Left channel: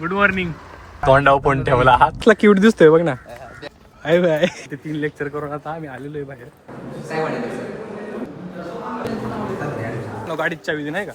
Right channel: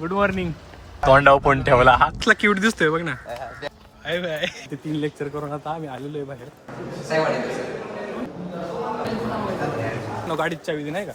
Good morning. तोंडाव पण ठेवला हातला cute दिसतोय बघ ना. आहे बाय ते 3 लेक्चर करून आता आम्ही आलेलो आहे बाहेर. गाडीची चावी दे नाही का.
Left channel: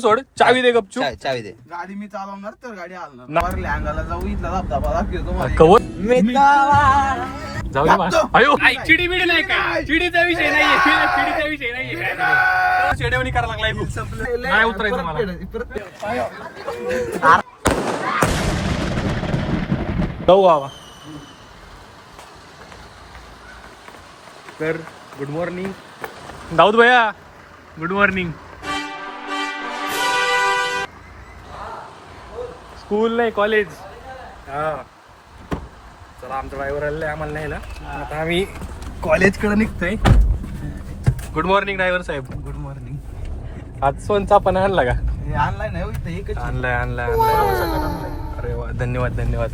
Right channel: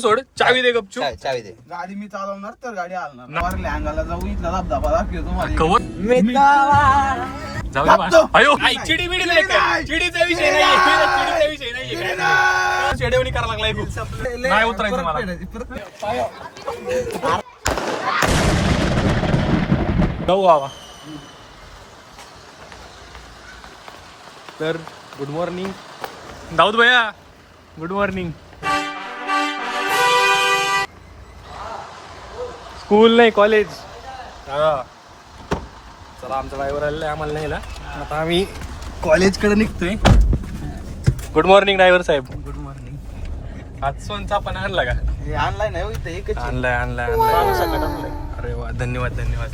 सोड चावी दे गपचूप. चावी दे. गाडी मी चालवणार तर गाडी हलणार. अंगाला जाऊ इथला धबधबा दाखवतो. जाऊ दे बा. अयो चिडी बिडी नाही काय. चिडीचा विषय नाहीये. चिडीचा विषय नाहीये. काय चेडवणी करायला लागलाय खूप. नाही उतरायचं मला. जाऊ बाबा. तर गुड मॉर्निंग दाऊद भैया. Good morning. स्कूल नाही कॉलेज. हा चला आमचा ड्रायव्हर आलेला आहे आम्हाला न्यायला. आता आम्ही कॉलेजकडे निघतोय. गुड मॉर्निंग ड्रायव्हर साहेब. Good morning. आज सोनचा पण आणला का. आणलाय नाही आणलाय आणलाय आणलाय. अरे वा धन्यवाद धन्यवाद.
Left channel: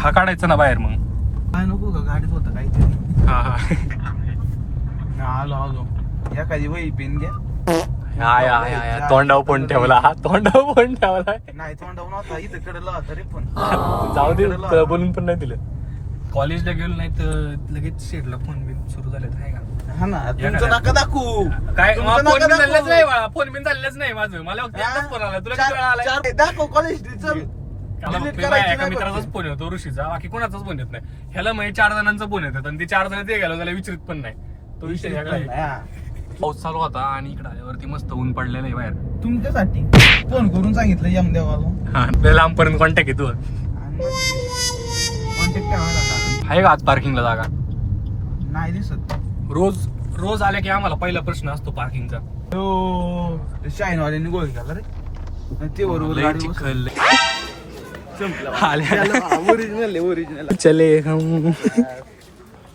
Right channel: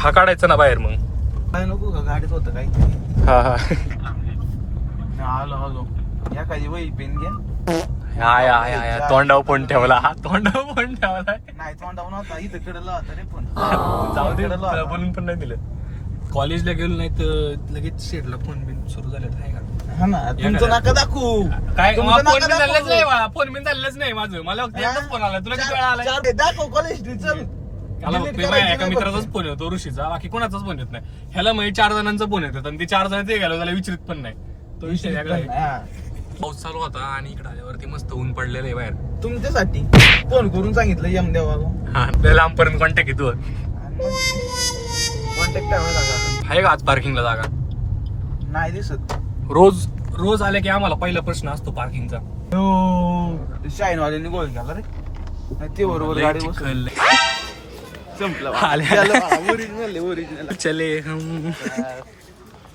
हा काढायचा ना बाहेर मग. काय नको का गाडीत होतं काही. हा हा आलो एखादी वही पेन घ्या. या तोंडाव पण ठेवला. हा तोंडाव पण ठेवला. नाही तोंडावर नव्हता इथं कडलं होता रे. पण जाऊ दे बोलून पण नाही दिलं. कॉलेजला गेलो नाही तर लगेच शेडला फोन बिन सुरू झाले आहे का. हा ना तुमचं नका दाखवू. काय तुमचं फोन नका बिन झालंच दाखवू. नाही. फोन बिन झालंच नाही माझं. मला फक्त एकच फोन आला. तुला किती वेळा आलाय. दाखव कॉलेज चल. त्याला एका मित्राचाच फोन येतो ऋषीचा. बाकी कोणाचाच फोन येत नाही. ह्याला म्हणजे 4 जणांचा फोन येतात आणि ते 4 जण ते गेलो त्याला विचारित पण नाही. तो विषय वेगळा आहे. पाऊस चालू होता आणि इकडे आल्यावरती मस्त ऊन पडलेलं आहे बाहेर. तुमच्यासाठी फोन करून सांगितलं यम देवाला. हा लांबपर्यंत कॉन्टॅक्ट आहे तू. कॉन्टॅक्ट करायला आहे का आज पार्किंगला जागा. नाही दिसत. रोज आले की आम्हाला पहिला प्रश्न असतो पार्किंगचा. शाईन वाल्याने गोल केला रे. ते बरोबर लय गाडी चिखल. संपलं. ओरिजिनल चले हम.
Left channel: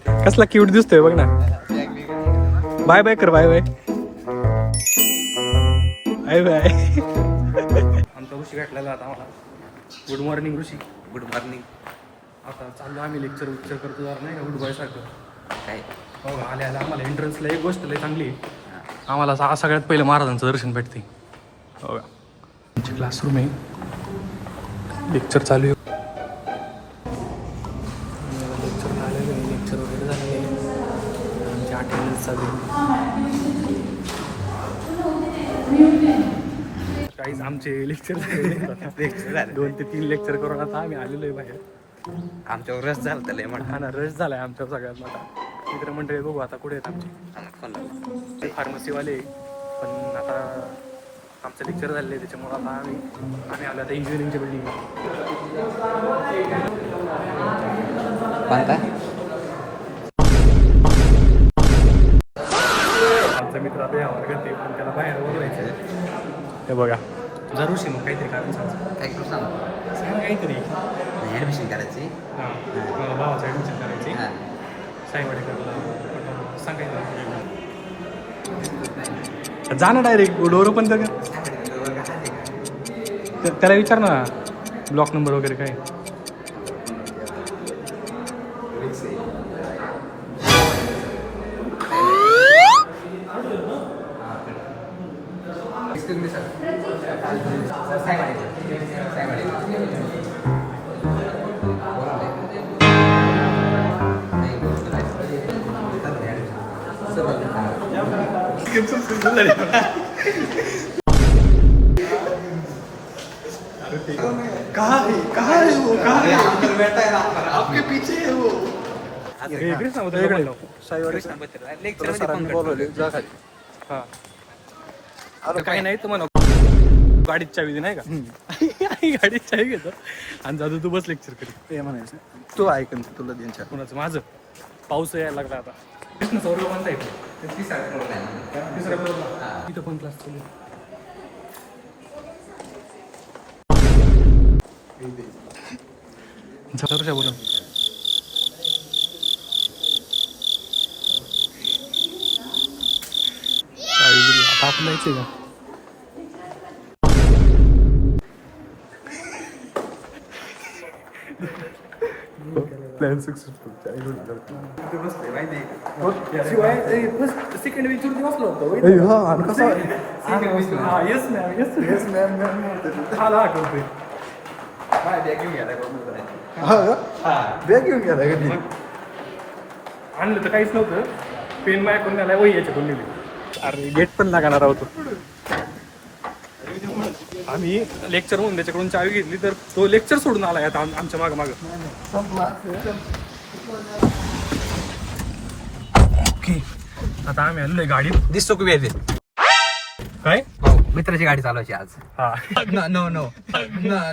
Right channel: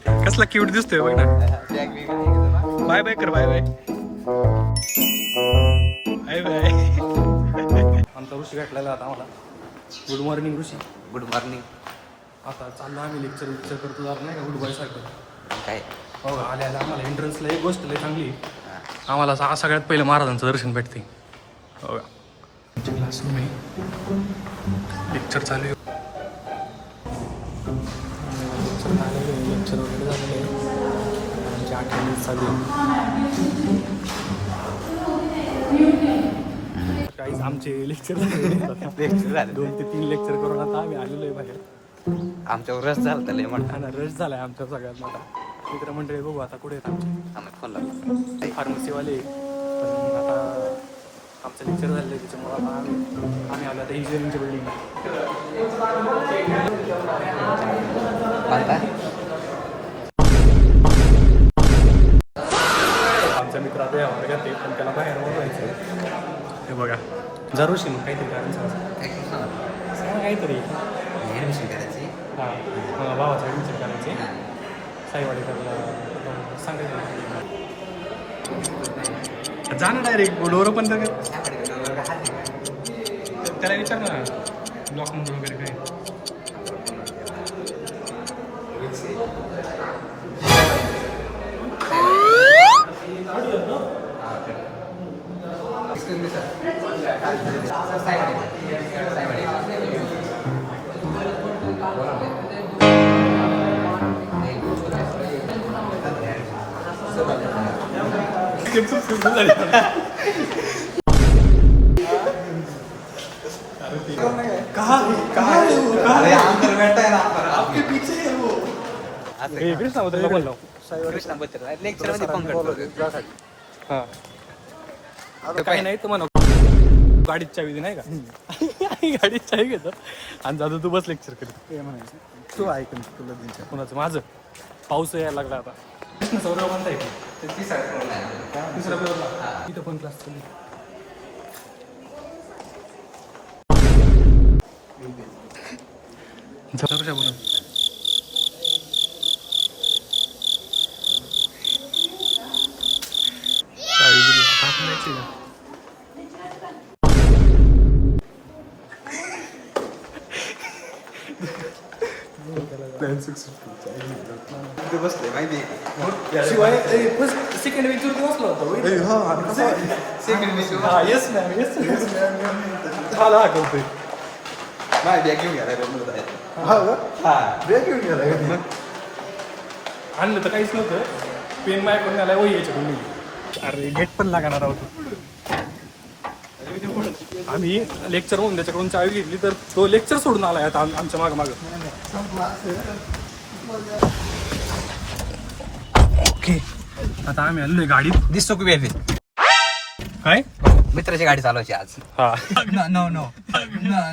कसला क्यूट दिसतोय बघ ना. बाय बाय कर. Bye bye bye bye. आमचा ऋषी भेटलेला आता आम्हाला. Good morning Rishi. Good morning. आता चाललो आम्ही लेक्चर करतो जरा नाही का गुड बाय सारखं. काय हो आले आम्हाला एंट्रन्सला एक गोष्ट लय चांगली. आम्हाला सगळ्यात पहिलं महाराजांचं दर्शन भेटते. हो का. आमचे क्लासरूम आहे. लेक्चर चालू आहे. लेक्चर आलेले आहे. लेक्चर वगैरे झालेलं आहे. आमची अटेंडन्स चालू आहे. काहीच आमचे लेक्चर 2 ते 3 लेक्चर करून आता आम्ही आलेलो आहे बाहेर. आमच्यावर रस झाला त्याला हा ना रश झालाय आमच्या सगळ्यात मोठा. मित्र मंडळी बघू आता कुठे आहेत आमचे. फार्मसीवाले पण आता आमचं लेक्चर झालेलं आहे त्याच्यामुळे आता आम्ही आलो आता इंजिनिअरिंगच्या बिल्डिंगला. आमचा मित्र आता वर्गात आहे पण त्याला बाहेर बोलवायचं आहे. हे बघा जरूर मग काहीतरी कारण सांग काहीतरी. ऍडमिशन करायची. हां भावाचं ॲडमिशन करायचे. साईवाडेकरला सांगायचं. जा ना डायरेक्ट डोरं पण तर त्याला विचार ना ब्लॉक नंबर वगैरे काय. आपके पीछे है वो. काही नाही तर म्हणा गाडीत चावी दे नाही का. गाडीत चावी घेतो आणि जातो तू बस लेक्चर करीत. म्हणायचं तू ऐकून तुला द्यायच्या. कोणाचं माझं. पाऊस यायला लागला आता. सौरव म्हणता येते. तिसऱ्या फ्लोअरला तिथं पण क्लास चालू. जरूर बोला. आता आपण जायचं का. शिवाय सेकंड वेक्चर बसलो होतो. येस मॅम येस मला हाकलतोय आणलं तर काहीच नव्हतं पेन माझ्याकडून आलाय वही याच्याकडून निघली अरे गेट पण लागणार होतो आम्ही लेक्चर म्हणून त्याच्याकडून चावी घेतली तर तो लेक्चर सोडून आलाय आता आमच्या मागं ओके आता आम्ही आलोय गाडीत दिसतो खूप येते काय मित्राची गाडी चालवायची आज हा नो नो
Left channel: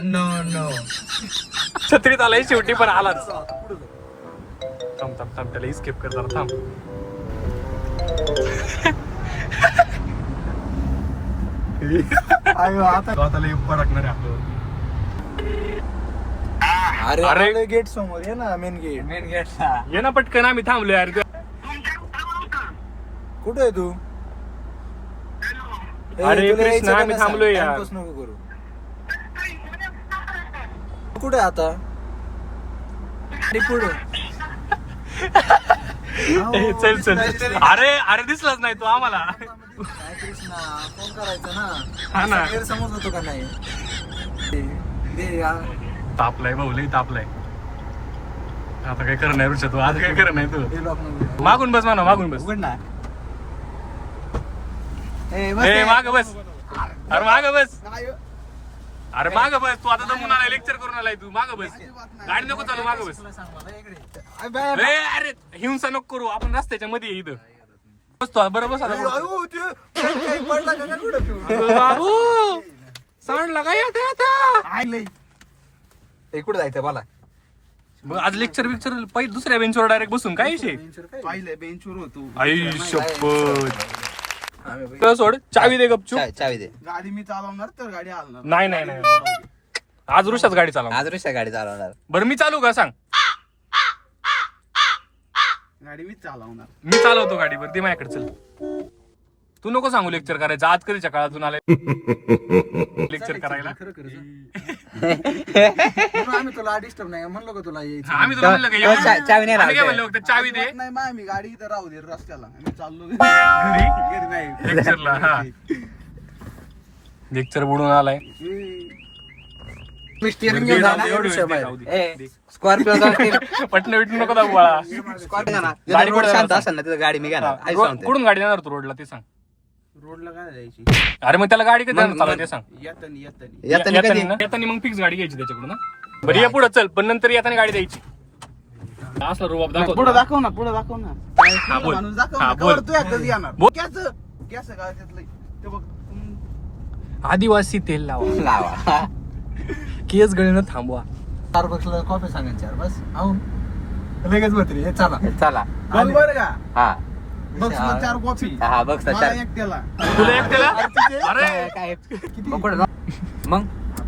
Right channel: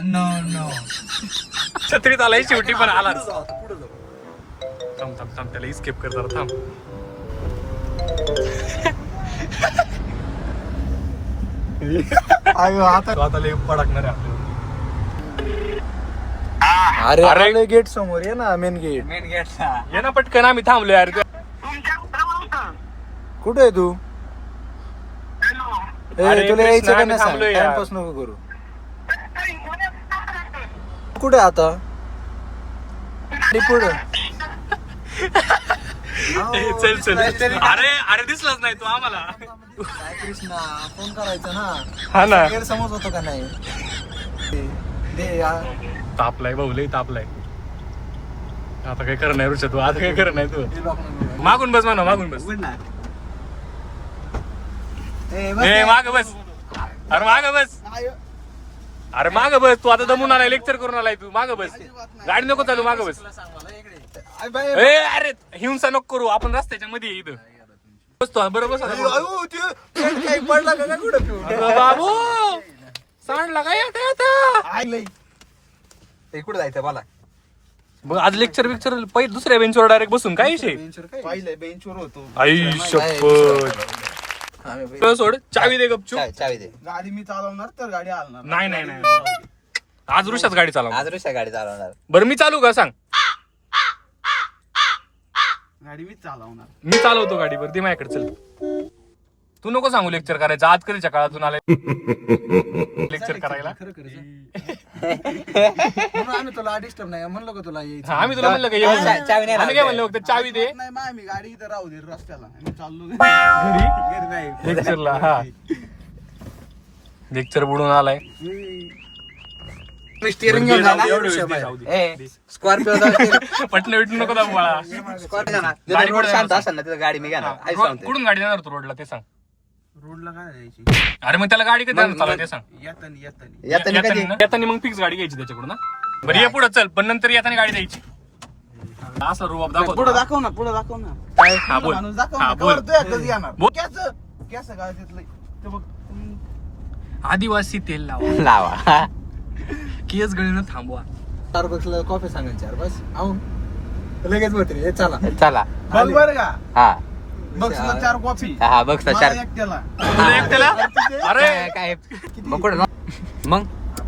नो छत्रीत आलाय शेवटी पण आलाच थांब त्याला स्किप कर जरा थांब आता लय पडकणार आहे आपल्यावर अरे गेट समोर ये ना मेन गेट ये ना पटकन आम्ही थांबलो यार कुठे आहे तू अरे कृष्णा आम्ही थांबलोय यार करू कुठे आता पुढे चल अरे दिसलाच नाही तू आम्हाला हा ना समज होतो का नाही तापलाय भाऊ लय तापलाय आता काय करणार ऋषा तू आता काय करणार तू मागून बस म्हणा मागून बस माग बस अरे माग बस अरे माग बस तू आता दमून आलाय लेक्चर करून आलाय तू माग बस गाडी नको चालू माग बस अरे हिंसा नको करू आपण रस्त्याच्या मध्ये इथं बसतो बरं बस आता बाबू सांडला काय आता कुठे जायचं मला मग आज लेक्चर पहिले दुसऱ्या बेंचवर डायरेक्ट बसून काय विषय पाहिलंय बेंचवर होतो आई शपथ सोड चावी दे गपचूप चावी दे गाडी मी चालवणार तर गाडी हलणार नाही आज ऋषाच गाडी चालव आज ऋषा गाडी चालवणार बरं मी चालू का सांग गाडी मी चालवणार मी चालवतो गाडी बरं दे माझ्याकडे चल तू नको सांगू लेक्चर करायचं आज कधीच्या काळातून आलाय लेक्चर करायला आम्ही तुला डिस्टर्ब नाही म्हणलं का तुला यायचं आम्ही तुला म्हणलं का ये म्हणून. चावी नाही आम्ही काय म्हणलं फक्त चावी दे नाही मग आम्ही गाडी इथं राहू दे रस्त्याला आम्ही चाललो घरी घरी नाही लेक्चरला हा लेक्चर बुडून आलाय स्टिअरिंग दे, जाऊ दे, एवढी वेळ दे, जाऊ दे. स्कॉर्पिओ पटणं बिटणं नको दाबू बाळा गाडी कुठे जाणार असेल ना तिथं गाडी मी कुठून गाडी जाणार तू रोडला ते सांग रोडला काय जायची अरे मग त्याला गाडी कधी जाणार चालू ते सांग येतानी येताना मग फिक्स गाडी घ्यायची त्याच्याकडून ना बरं ये पुढे चल पण नंतर येताना गाडी द्यायची असं रुबाब दाखव पुढे तुला. दाखव ना पुढे दाखव ना हा बोल माणूस दाखव हा ना, बोल कवर तू एकटाच येणार बोल. कॅस गावातलं ते बघ आदिवासी तेल लावा केस गळीनं थांबवा स्टारबक्सला कॉफी सांगायची बस आहो लगेच बोलतील चला चला बघ बरं का हा बघ 4 कॉफी हा बघ मला चार एकट्याला तुला एकट्याला अरे काय कुठं मग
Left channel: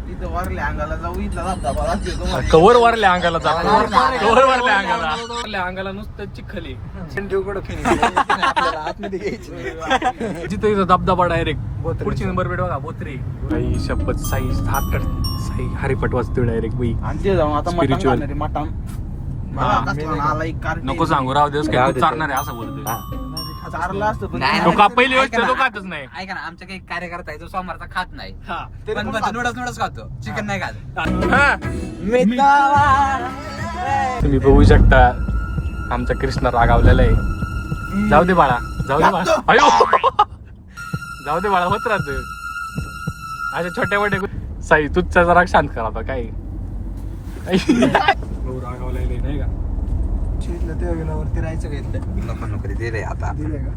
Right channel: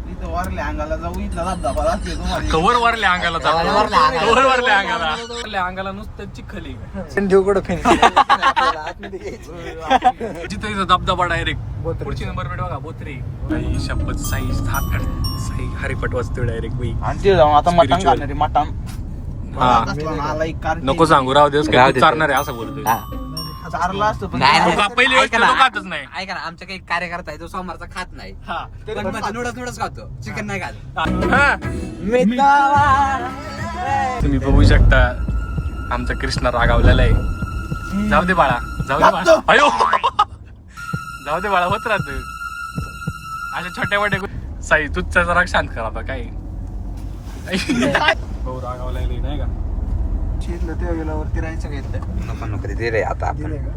इथं वारल्या अंगाला जाऊ इथला धबधबा लागतो कवर वारल्या अंगाला जातो कवर वारल्या अंगाला नुसतं चिखली जिथं धबधबा डायरेक्ट पुढची नंबर प्लेट बघा बोत्रे शपथ साई हात हरिपट वाजतो डायरेक्ट मी आणि जाऊन आता मटण Spiritual. खाणारी मटण हा. आला एक कार नको सांगू राव दिवस काय तू चारणार आहे असं बोलतोय चारला असतं पण नाही, नको, पहिली गोष्ट तो खातच नाही ऐका ना आमचा काही कार्यकर्ता आहे तो सोमवारचा खात नाही हा. पण म्हणतो नूडल्स खातो चिकन नाही खात हा. तुम्ही बघू शकता आमचा कृष्णा रागावलेला आहे जाऊ दे बाळा अयो जाऊ दे बाळा होत राहत अशा छोट्या मोठ्या साई तुझचा जरा शांत करा आता काय रागावलेला नाही का शीतला ते विलावरती राहायचं घेतलं नको ते रे आता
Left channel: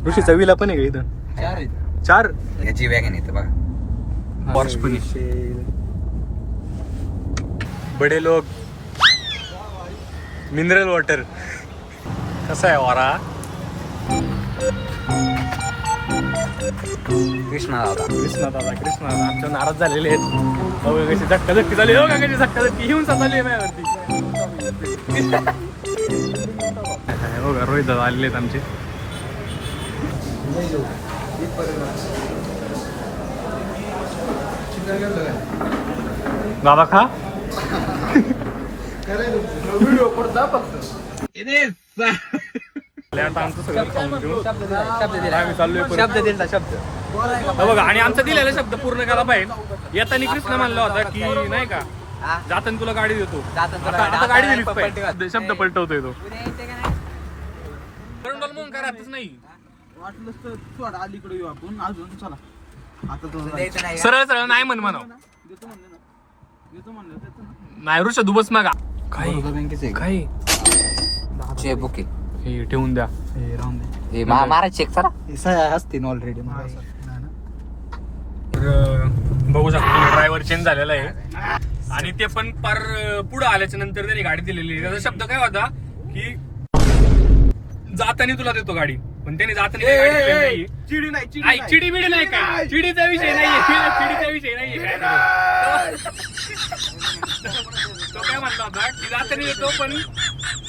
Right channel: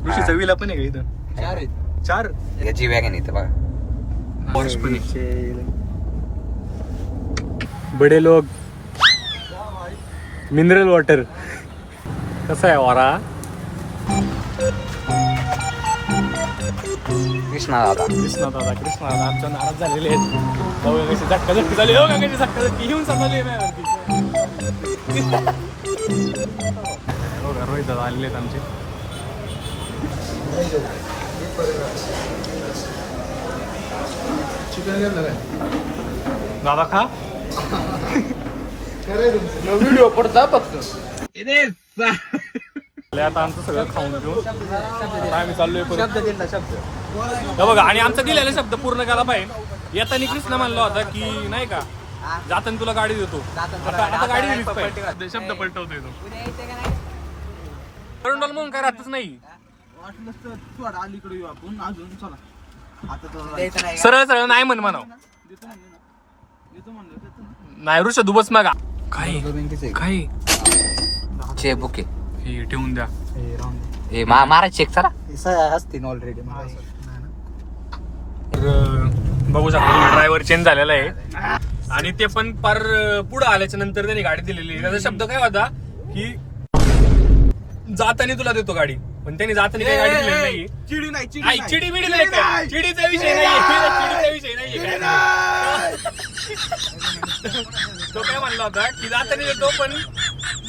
ऋषीचा विला पण आहे का इथं 4 आहेत 4 याची वॅगन इथं बघा पॉर्श पण आहे बडे लोग मिनरल वॉटर कसा आहे वारा कृष्णा दादा कृष्णा दादा आमच्या नाराज झालेले आहेत हो का कशी धक्काधक्की झाली हो का कशी धक्काधक्की घेऊन चालली आहे माझ्यावरती हो का रोहित दादा आलेले आहेत आमचे दादा खा व्हिडिओ पडता फक्त आता आमचं सगळं खाऊन घेऊन आम्ही चाललोय परत. बघा आणि आमचा दिलेला शब्द पूर्ण करायला पाहिजे. येताना कृष्ण म्हणला होता की नाही का जाताना तुला गाडी देतो. आता गाडी दिलीच पाहिजे. शब्द पलटवतोय तो. म्हणून करातच नाही. वाटलं तर सोडा अलीकडे येऊ आपण अजून चला. आता तुला सरळ सरळ नाही म्हणाव. देतो म्हणलं ना. देतो म्हणलं देतो ना. नाही ऋषा दुबस मागा काही काही चे बुके हे ठेवून द्या. हे मारा चेक चला असतील ऑलरेडी. तर बघू शकतो ड्रायव्हर चेंज झालेला आहे आणि ते पण पार पुढे आल्याच्या नंतर त्यांनी गाडी दिलेली आहे. त्याचा शब्द काय होता की जाताना तुला देतो गाडी, पण त्यांनी जाताना काही गाडी दिलेली नाही. चिडी नाही चिडी बिडी नाही काय, चिडीचा विषय नाहीये, चिडीचा विषय नाहीये काय. तो काय म्हणला होता की जाताना देतो पण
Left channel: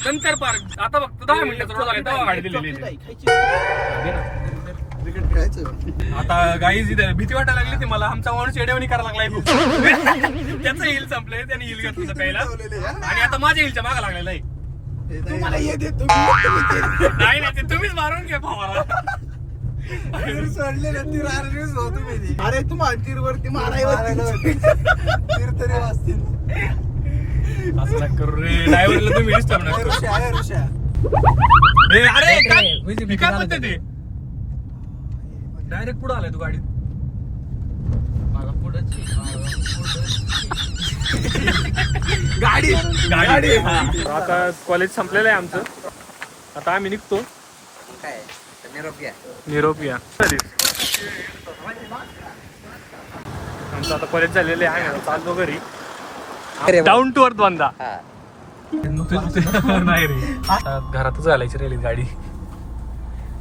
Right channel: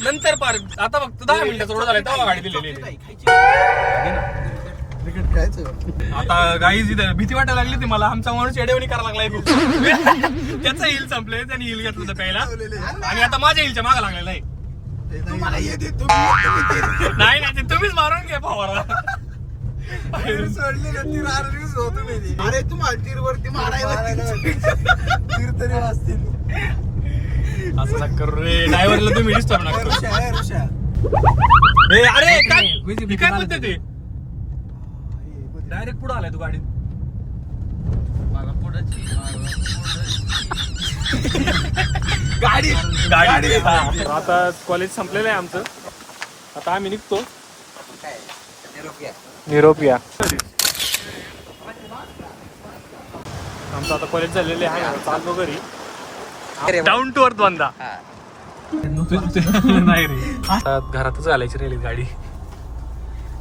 नंतर पार आता फक्त 10 मिनिटाचा रोड झाला तेव्हा गाडी दिलेली आहे. आता गाईज इथे भीती वाटायला लागली ती मला. आमचा माणूस येडेवणी करायला लागलाय खूप. त्याचं हिल संपलंय, त्याने हिल घेतलं होतं पहिला आणि आता माझ्या हिलच्या मागा लागलेला आहे. तुम्हाला हे देतो नाही नाही ते तुम्हीच मारून घ्या भावाला. सोडलेलं तीर आरवीस होतो मी. अरे तुम्हाला तीर वरती मारायवरती तीर तरी वाजतील. असं नका करू रे. ड्रायव्हरला तुम्ही डिस्टर्ब नका करू. ऋषा ए, अरे काय म्हणते ते डायरेक्ट पुढे आलाय तू गाडीत. मला पुढे गाडी आता कॉलेज संपलेलं आहे आमचं. आता आम्ही निघतो. निरोप घ्या. आमचं आता कॉलेज झालेलं आहे. आम्ही आता चाललो घरी. डाऊन टू अर्थ बांधा. नाही रे घरातच घालायची राहिली गाडी.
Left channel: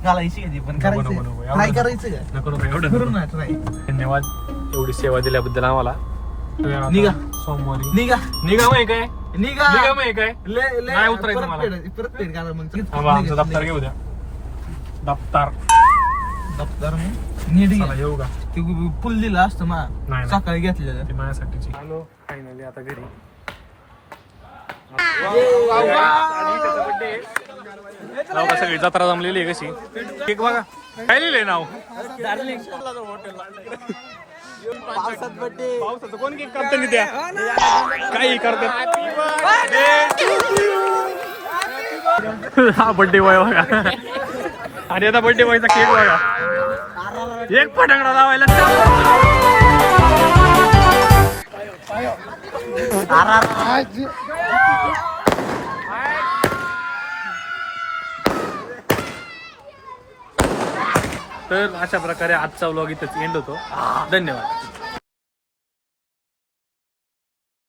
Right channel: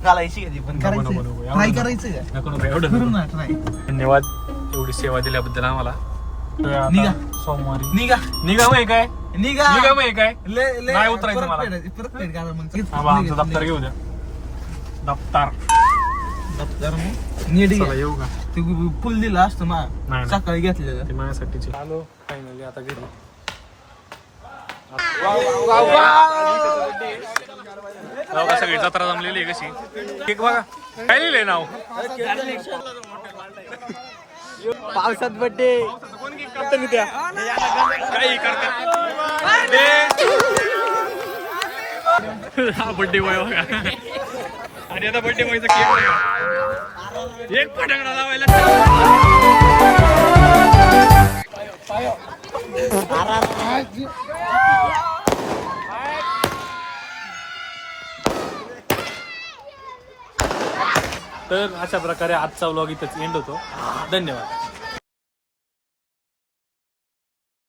घालायची पण नको, नको, नको. काय करायचं नको नको एवढं नको. धन्यवाद एवढी सेवा दिल्याबद्दल आम्हाला. निघा. सोमवारी निघा निघा मग काय निघा निघा मग काय नाही उतरायचं मला. परत पेड करा मग. बाबा आमचं दप्तर घेऊ द्या. दप्तर नीट चला येऊ का. फुल दिलं असतं नाही, मग नाही. सकाळी घेतलेलं. ते माझ्यासाठीचे. आलो फायनली आता घरी. बघा सगळी जत्रा जमलेली आहे कशी. केक बघा काय लिहिलंय नाव. पावसात बड्डे. पावसाचं कोण केक काढते त्या काही करते. हा बड्डे बॉय बघा. आणि आता बड्डे बॉयचा केक बघा. एक फटाकडा लावायला. तर अशा प्रकारे आजचा व्लॉग इथंच एंड होतो. धन्यवाद.